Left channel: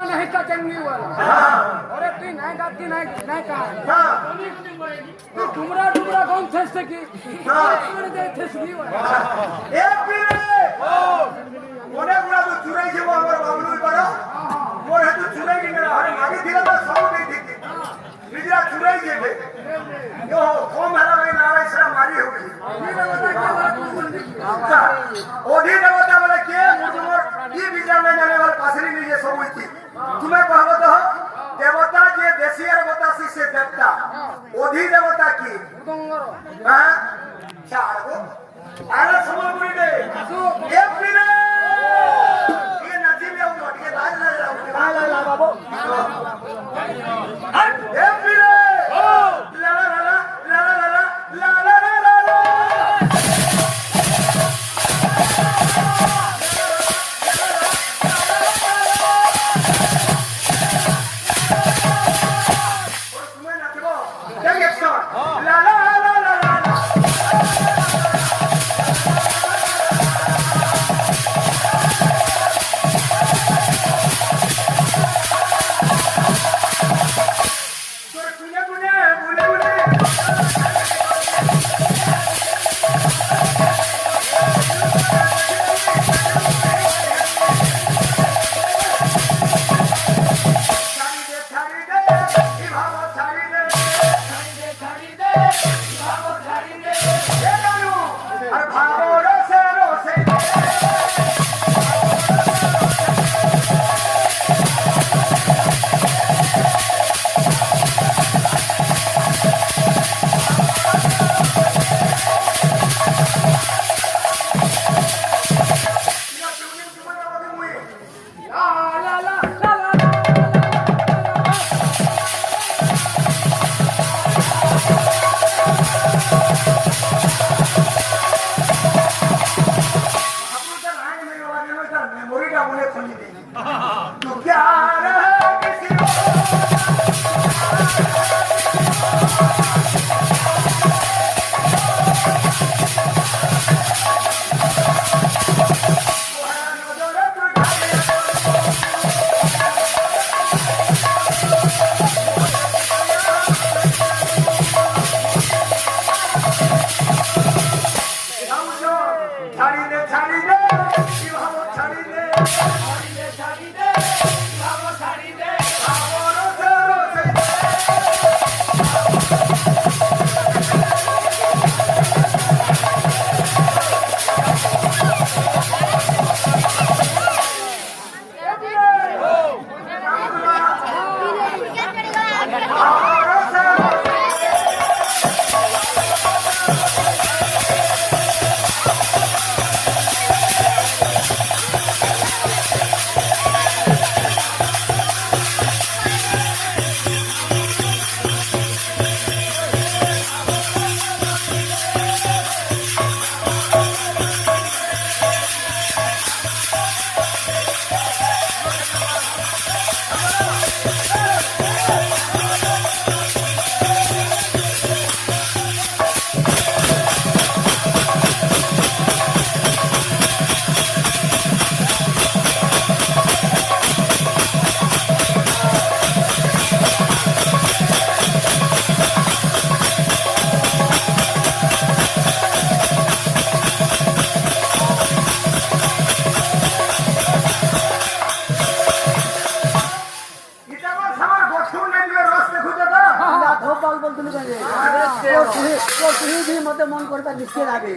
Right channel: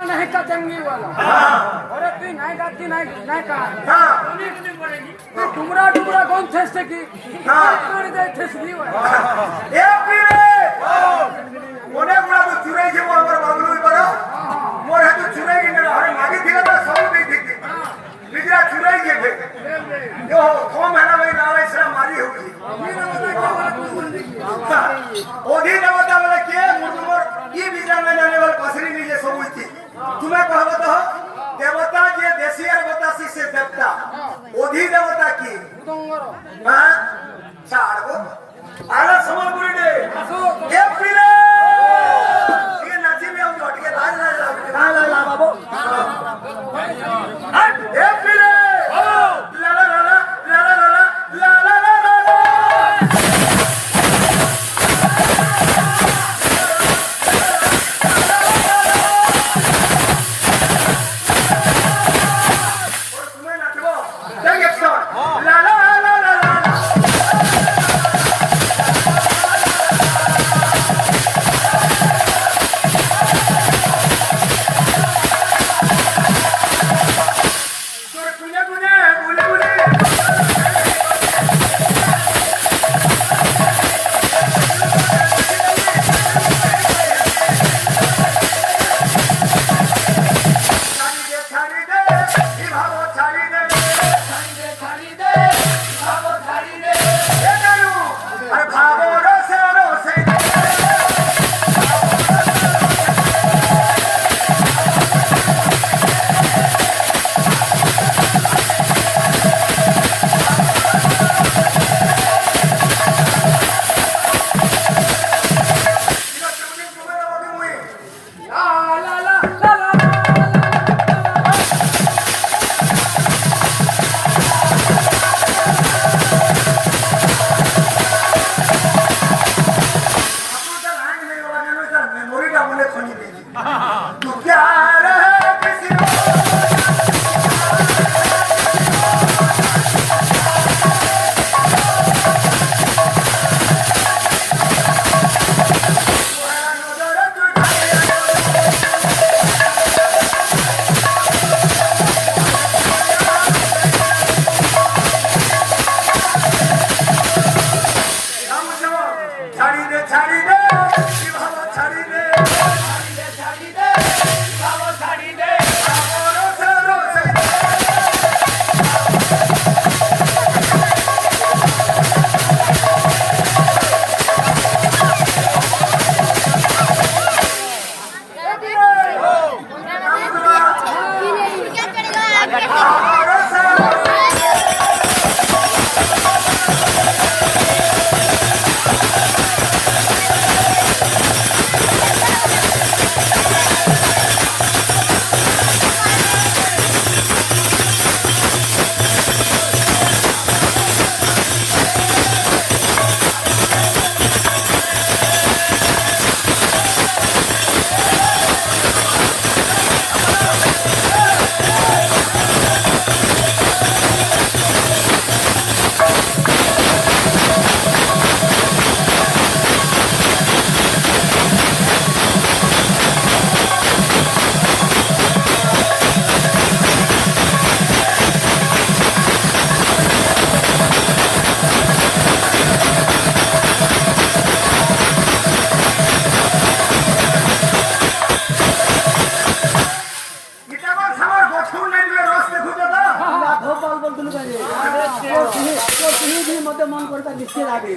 नहीं का चंगी वाला अरे तू नहीं गाती नहीं का तू डुमरा डुमरा कौन थे की कौन दे थे की वाला ए पीरे ओने गुड़ा तो चुराई के हमर बाबू बड़ा मोर है तो चुराई के ना अरे मागे थिला तो सब नहीं थी बिजरा चुराई के थे यो कौन मेरा भाई नारा इसरा मारी होगी ये बता के वाला तू बोल दे ओधी देवता वाला के मुर्दुमोर ये बिजरा में जाने वाला पासरी में ये सब हुई थी तुम्हें कहबत हो देवता जे देसियर बतासी से देवता ओधी देवता की हां सारगो आला समलपुरी दे ये पीरे ये नाची में आउ हट के ला बाबू हट ये पीरे ला ला ला ला ला ला ला ला ला भी मत मन करता निश्चय आगे